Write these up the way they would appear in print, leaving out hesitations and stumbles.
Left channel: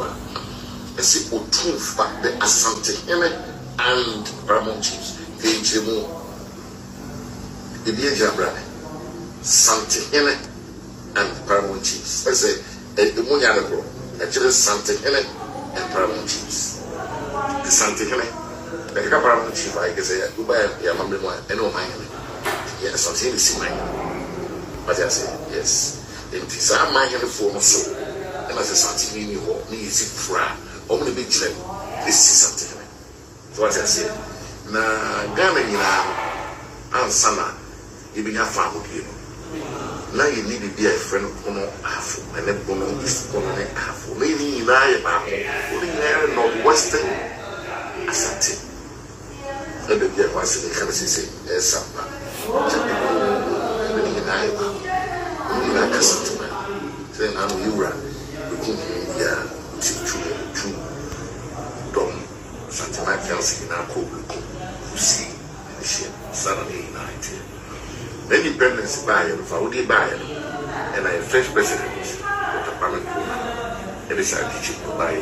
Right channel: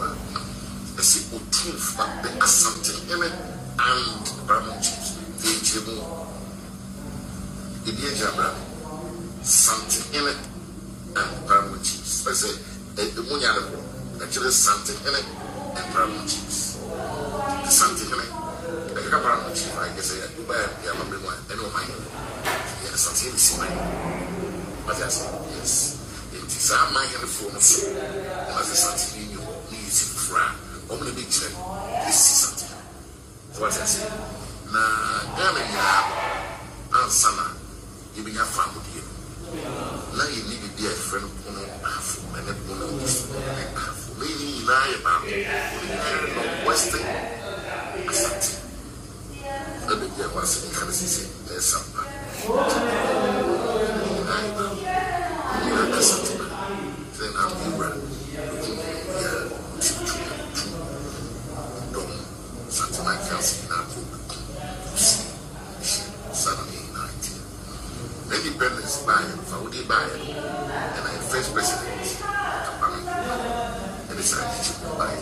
Otumfuo. I see Otumfuo, the Asante and Paramount Chiefs. The BJ brother, Sante and Paramount Chiefs. I say, the Munyadako, actually Sante and Paramount Chiefs. The Sante the Paramount Chief, I can say, Dubai, Yamamima, and no mine. Yes, Sante is mine. But I say, yes. It is our mind in the form of soul. And as a Sante, you need to fry. Only big children, this is something. So what I say, na Ghana, and Sana. You be a farm with you. Now you need to be a friend of Bono half, and then Bono is Bono half. Maybe you lie about only Northwestern Asante. Let me get one thing, can I say, there's something. You lie about only like Asante man. Then I'm you run. You can be two Dom Santa Kelsey in our cook. You see, Saturday night. The independence buyer, Saudi buyer, and I first president of the parliament, and it's a teaching to buy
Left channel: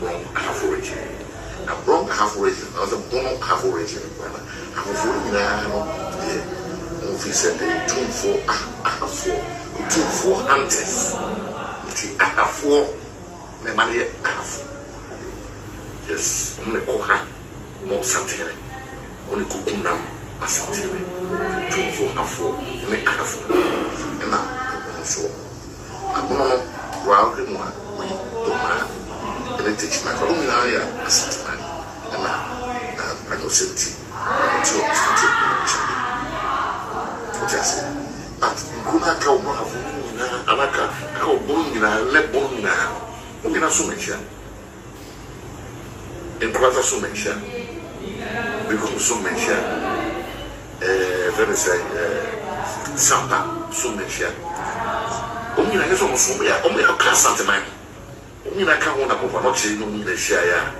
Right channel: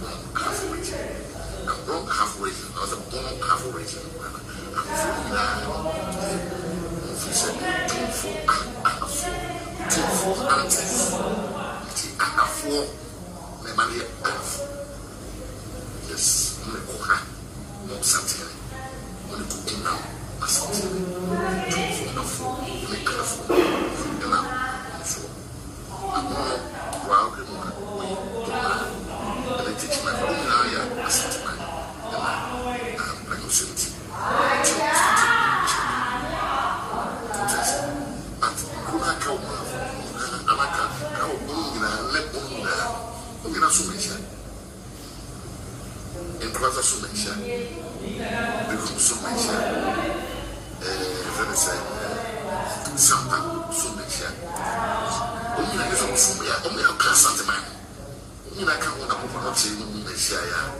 Bron half region. And Bron half region, I was a Bron half region. I'm 49 officer, 2 hunters. I have 4, my money, I have. Yes, only Koha, more something, only cooking now. Asante 2 4 and I'm so I'm going to round him one we don't mind and then teach my own area Asante man and I go 70 so just but kuna ka uma hafu na anaka ka obungi na lebon na ungina sumesha en kwata sumesha because sumesha let me say, Sampa, Sumesha. Only I guess on Sumia, only a cast sentiment. Only I can't want to go for not saying the share.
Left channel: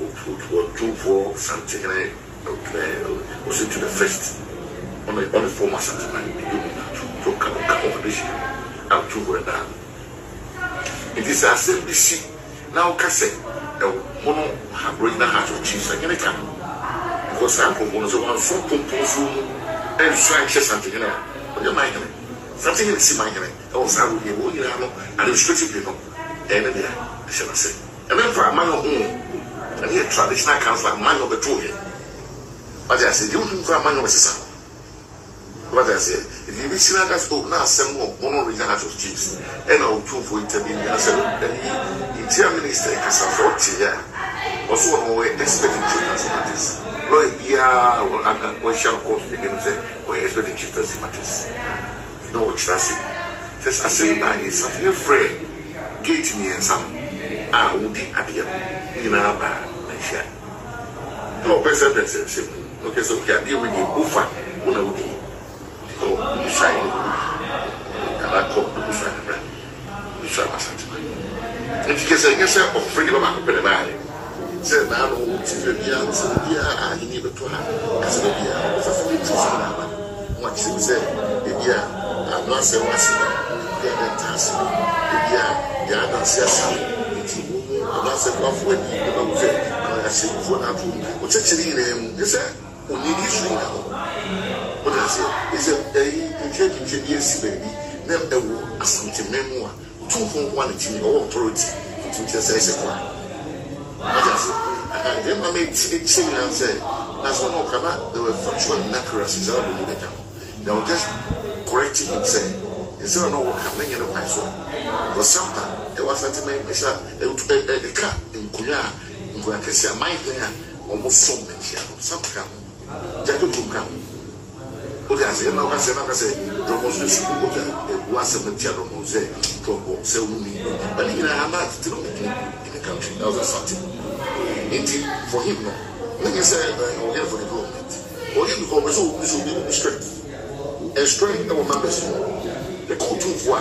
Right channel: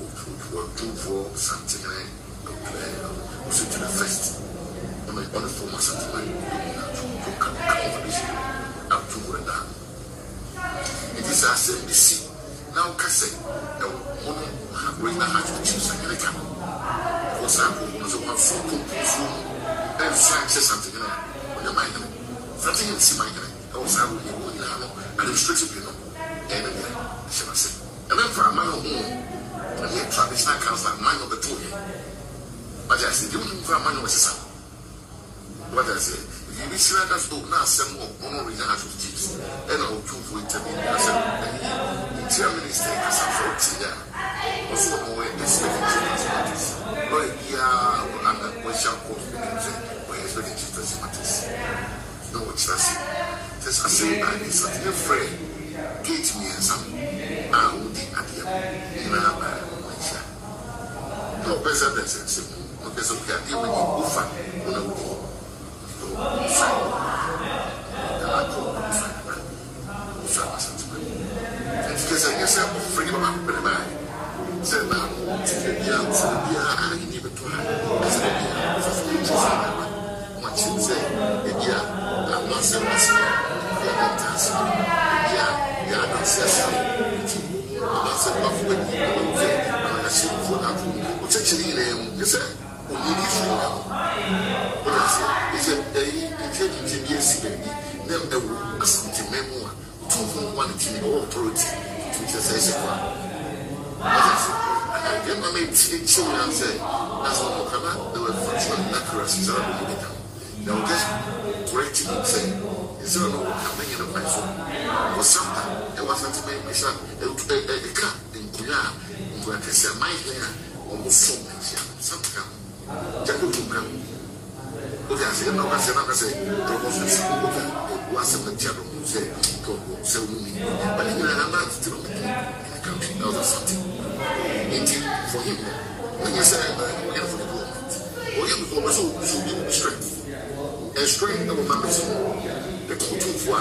Otumfuo something, was into the first on the former sentiment. You come over this year out to where down. It is a simple seat. Now, Cassette, the mono have bring the heart of chiefs and any time. Because I'm going to one so compose room and try something in there. When you're my something in the sea, my also I will hear what you know, and restrictively no. And then I shall say. And then for a man of whom, and here traditional council like man of the two here. But I said, you don't for a man of a son. What I said, if you be seen at us, now some more one of the heart of chiefs, and I'll two for intervening. I said, he tell minister, because I'm 40 years. Also, no way expecting chiefs. Yeah, we shall call the say, we're expecting chiefs matters. No, which that's it. Just I say, I need something afraid. Gate me and some. I won't be at the end. You know, I shall. No, president says, okay, so we can deal with you. Ufa, when I will be. Oh, you sign. And I call the Ufa, you sign my sentiment. And you can say, yes, I'm afraid of my said, now, yeah, I need to have as a what she said, I'm not so much. You are not dancing. You are not saying, I'm not saying love when you don't say, I'm not saying for that. What's actually you said, only this thing. What I say is a intelligent baby, never a something memoir, 2 from 1 authority, which is a I made it sing and say, that's what no come out. They were factual inaccuracies. They were just correcting it, saying, is there no one coming in a place? For some time, there was a man, a cat in Kuya, in Kuya, my hair, almost so much. Some come, Jacob to come. Okay, I say, no, I say, almost the school, it wasn't the general who said, so me, but here I'm not still in the country, that was something. Indeed, for him, when you say, we're here for the government, or you become so be strength. And strength, our members, the Otumfuo,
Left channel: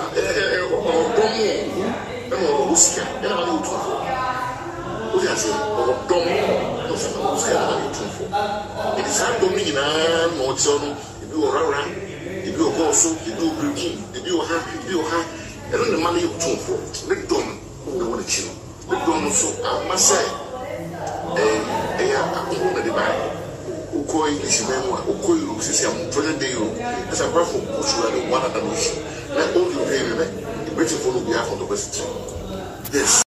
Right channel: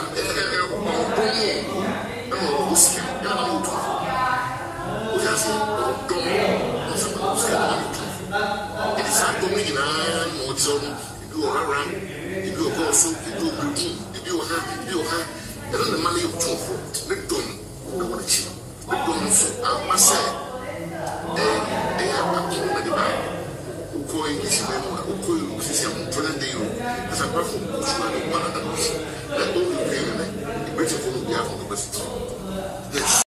it is hard to me now, no, so you do around, you do a also, you do green, you do a and then the money of Otumfuo, let them know what it's The don't so I must say, they are a cool divine. Uko English memoir, Uko system, present day, as a platform, one of the mission. Let all you pay, waiting for the behalf of the West. Yes.